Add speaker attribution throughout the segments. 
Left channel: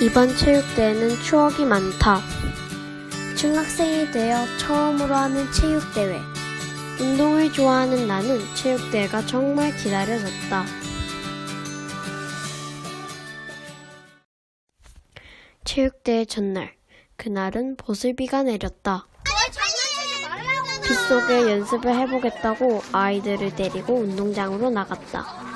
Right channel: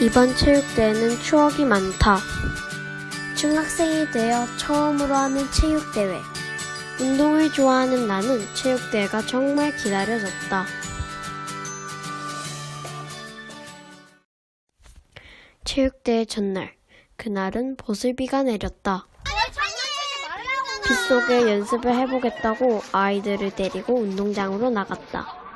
Speaker 1: 이번 체육대회는 추억이 많다. 중학생이 되어 처음으로 하는 체육대회. 운동을 좋아하는 나는 체육대회가 정말 기다려졌다. 체육대회 전날, 그날은 보슬비가 내렸다. 빗속에 연습을 해보겠다고 아이들을 데리고 운동장으로 나갔다.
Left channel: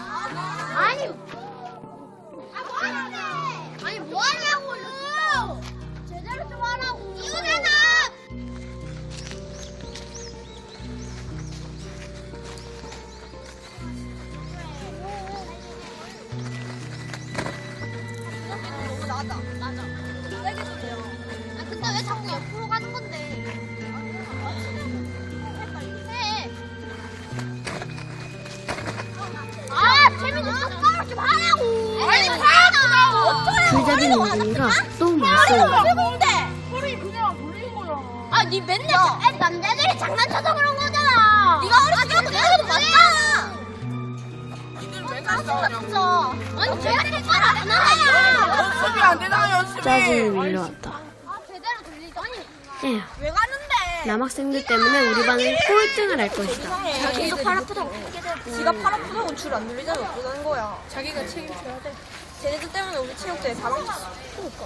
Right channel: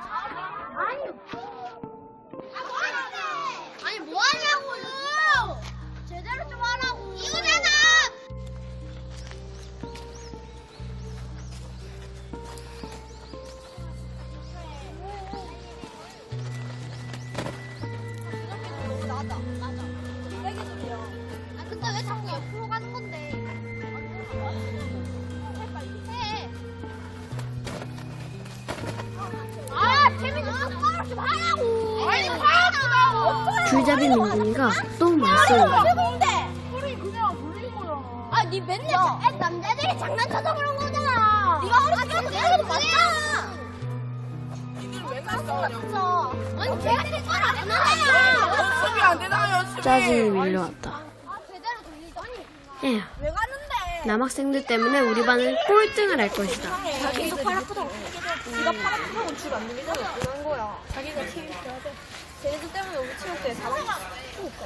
Speaker 2: 아, 좀 하라고. 아니, 하라고.
Speaker 1: 줄잡이 민준이가 또 말썽이다.
Speaker 2: 근데 소리 그냥 거야. 아, 니 맨날 애 남자들이 장난쳐서 그런 거잖아. 네가 어렸을 때도 내가 도 맞잖아. 니들 왜 갔어? 아니, 제가 똑바로 안 하잖아.
Speaker 3: 연습이 안 되나 연습이
Speaker 1: 짜증이 밀려왔다.
Speaker 2: 아, 제대로 들리지. 아니,
Speaker 1: 에휴,
Speaker 3: 왜 가는데
Speaker 1: 남학생들 때문에 우리 반은 꼴등을 할 것이다.
Speaker 3: 아프다고 지가 팔 아프다고 줄안 들리잖아. 어쩌는 거야. 자기가 책임져야 돼. 쟤네들 때문에 우리 체육대회 다 망쳤어. 그러니까.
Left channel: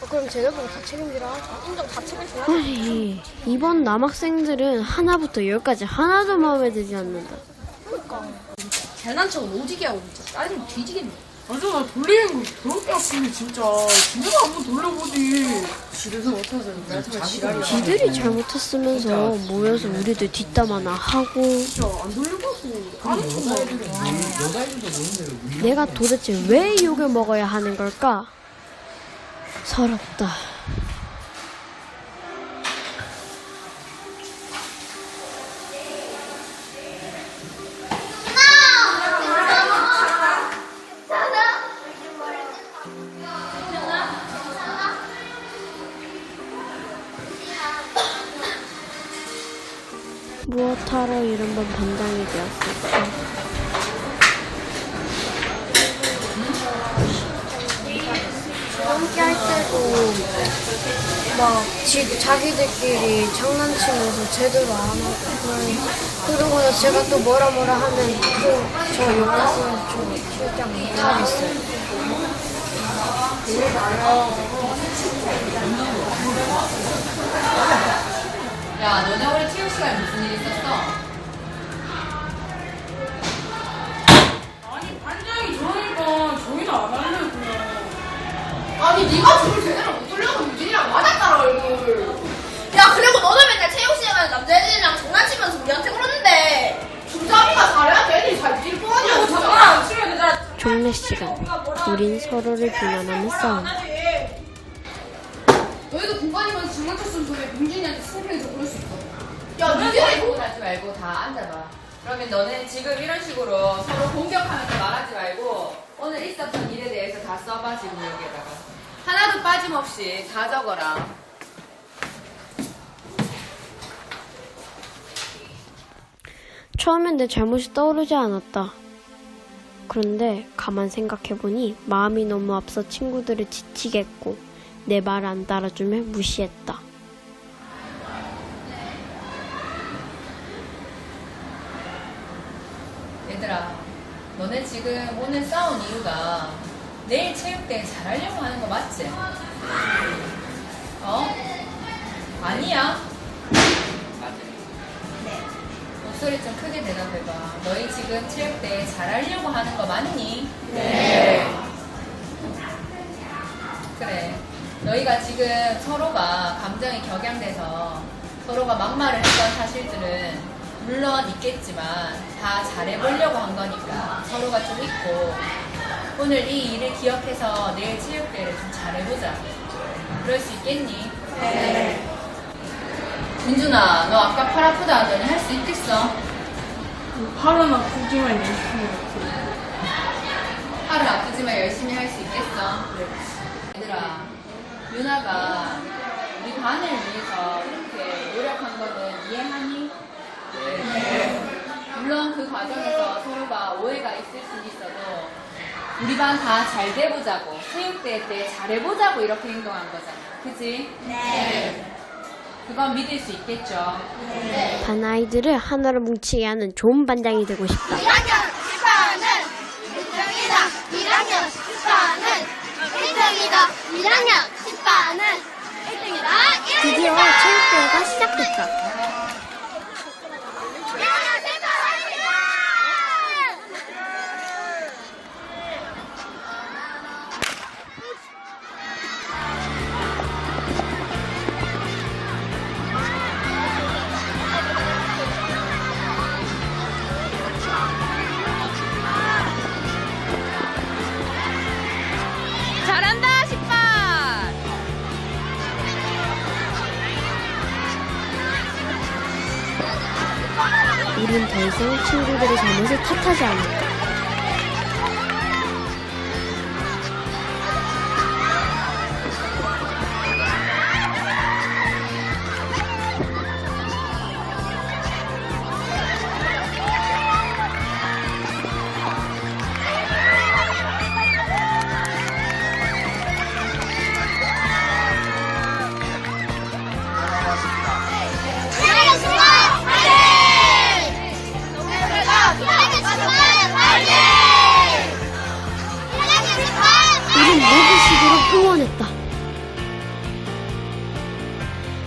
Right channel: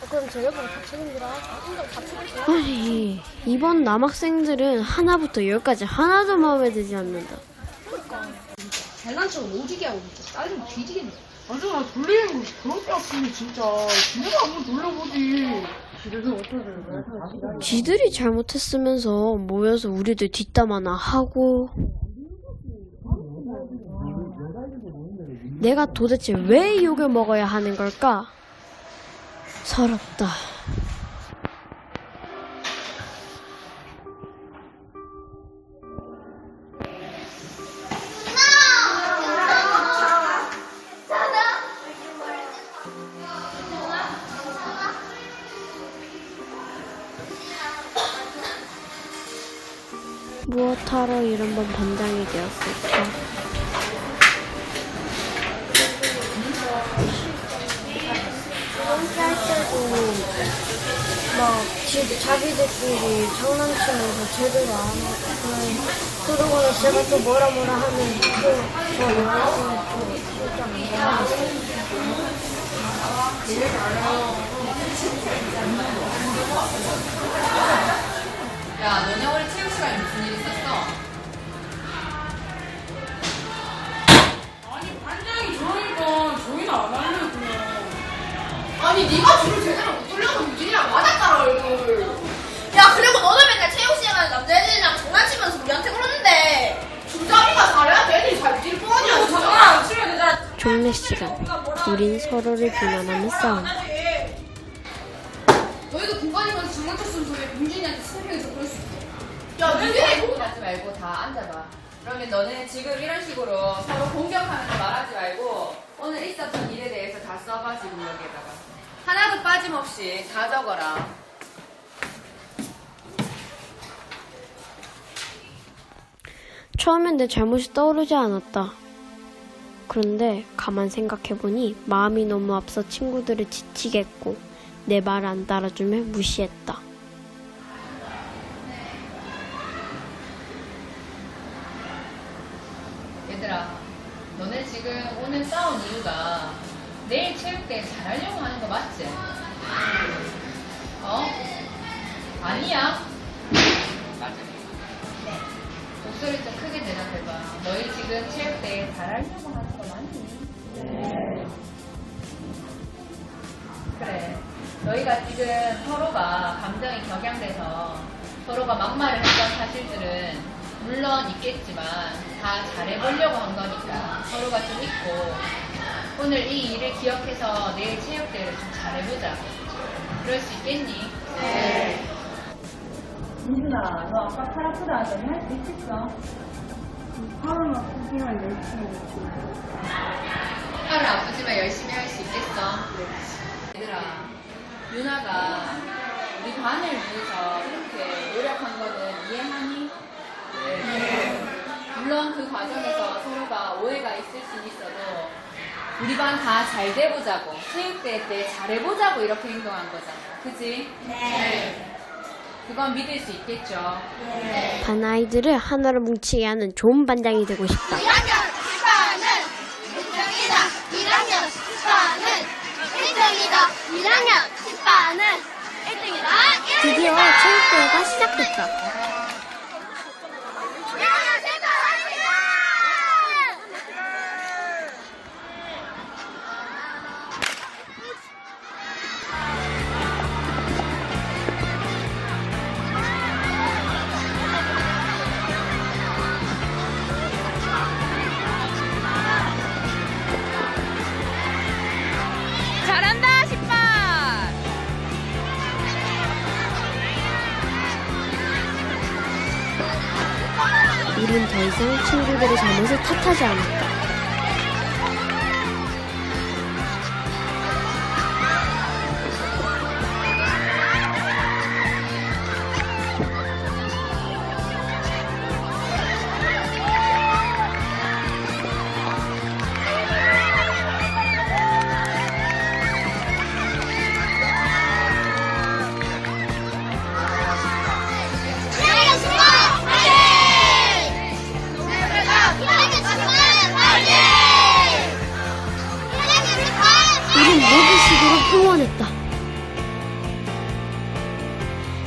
Speaker 3: 어, 그럼 쟤네들은 다 책임지라 인정 다돼
Speaker 1: 아니, 이번 남학생들은 하나부터 열까지 하나도 마음에 들지 않는다.
Speaker 4: 잘난 척은 오지게 하고 진짜 짜증 뒤지겠네.
Speaker 3: 맞아 나 돌리는 거 그렇게 아픈데 진짜. 집에서 한번 돌려보지.
Speaker 4: 집에서 어떻게 해서 내가 정말 지랄이
Speaker 1: 지들이 잘못했으면서 모여서 우리들 뒷담화나 하고.
Speaker 3: 진짜 안 돌려봤어. 까는 척만
Speaker 1: 내가 도대체 왜 욕을 먹어야 하는 걸까? 서럽다. 무엇하러 이런 번 반장이 되었을까? 함께 할 때도 막 지, 자기들끼리 장난치면서 제대로 안 하고 그러고 나서 제가 또 뭐라 뭐라 하면 또 저 욕하고 저 실장 못하겠어요. 종례 시간. 우린 서로를 비난하며 싸운다.
Speaker 5: 너희도 공간이면서 장난쳤으면 저게 민준이한테 스피해서 그럴 수 있어 야 니네
Speaker 6: 공하지 말고 다 앉아봐. 그러면 너네 지금 이런 식으로 서로 공격하면서 말하지 말고 오늘 있었던 일에 대해서 다 써봐 지금 여기에다가 하나도 빠짐없이 다 적어라.
Speaker 1: 처음엔 내 잘못이 떠오르지 않았다. 그런데 가만 생각해보니 마음이 너무 앞서 친구들을 지치게 했고 내말안 따라주며 무시했다.
Speaker 6: 얘들아, 너네 지금 오늘 싸운 이유가 내일 체육대회 잘하려고 하는 거 맞지? 어? 아니야? 목소리 좀 크게 대답해봐. 너희 지금 체육대회 잘하려고 하는 거 맞니? 네. 그래. 너희가 지금 서로가 감정이 격양돼서 서로가 막말을 했던 사실들은 물론 있겠지만 다 잘해보려고 한 거니까 서로가 좀 있고 오늘 이 일을 기억해서 내일 체육대회를 좀 잘해보자. 그럴 수 있겠니? 네. 민준아, 너 아까 팔 아프다 하더니 할 수 있겠어?
Speaker 3: 팔은 아프지만 열심히 먹고
Speaker 6: 팔은 아프지만 열심히 할 수 있겠어? 얘들아, 윤아가 우리 반을 위해서 이렇게 노력한 거는 이해하니? 네. 물론 그 과정에서 서로가 오해가 있을 수 있어도 우리 반 다 잘 돼보자고 체육대회 때 잘해보자고 이렇게 행동한 거잖아. 그지? 네. 그건 믿을 수 있겠죠.
Speaker 1: 반 아이들을 하나로 뭉치게 하는 좋은 반장이 되고 싶다.
Speaker 2: 1학년 10반은 1등이다. 1학년 10반은 1등이다. 1학년 10반은 1등이다.
Speaker 1: 드디어 체육대회가 시작됐다. 우린 더 이상 친구들의 잘못을 탓하지 않았다.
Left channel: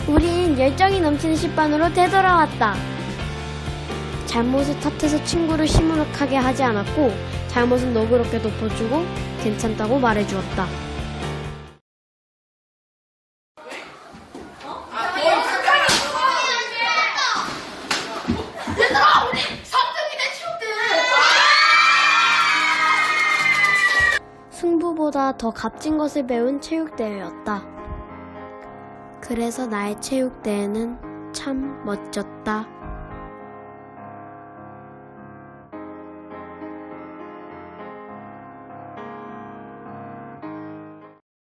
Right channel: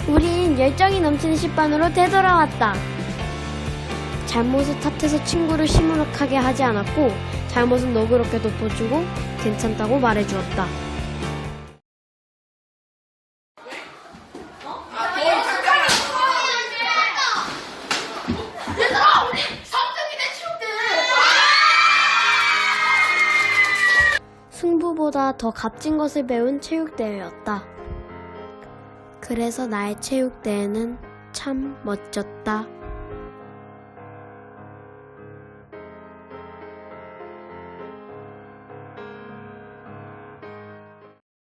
Speaker 1: 우린 열정이 넘치는 10반으로 되돌아왔다. 잘못을 탓해서 친구를 시무룩하게 하지 않았고 잘못은 너그럽게 덮어주고 괜찮다고 말해주었다.
Speaker 5: 얘들아 우리 3등이네 체육대회
Speaker 1: 승부보다 더 값진 것을 배운 체육대회였다. 그래서 나의 체육대회는 참 멋졌다.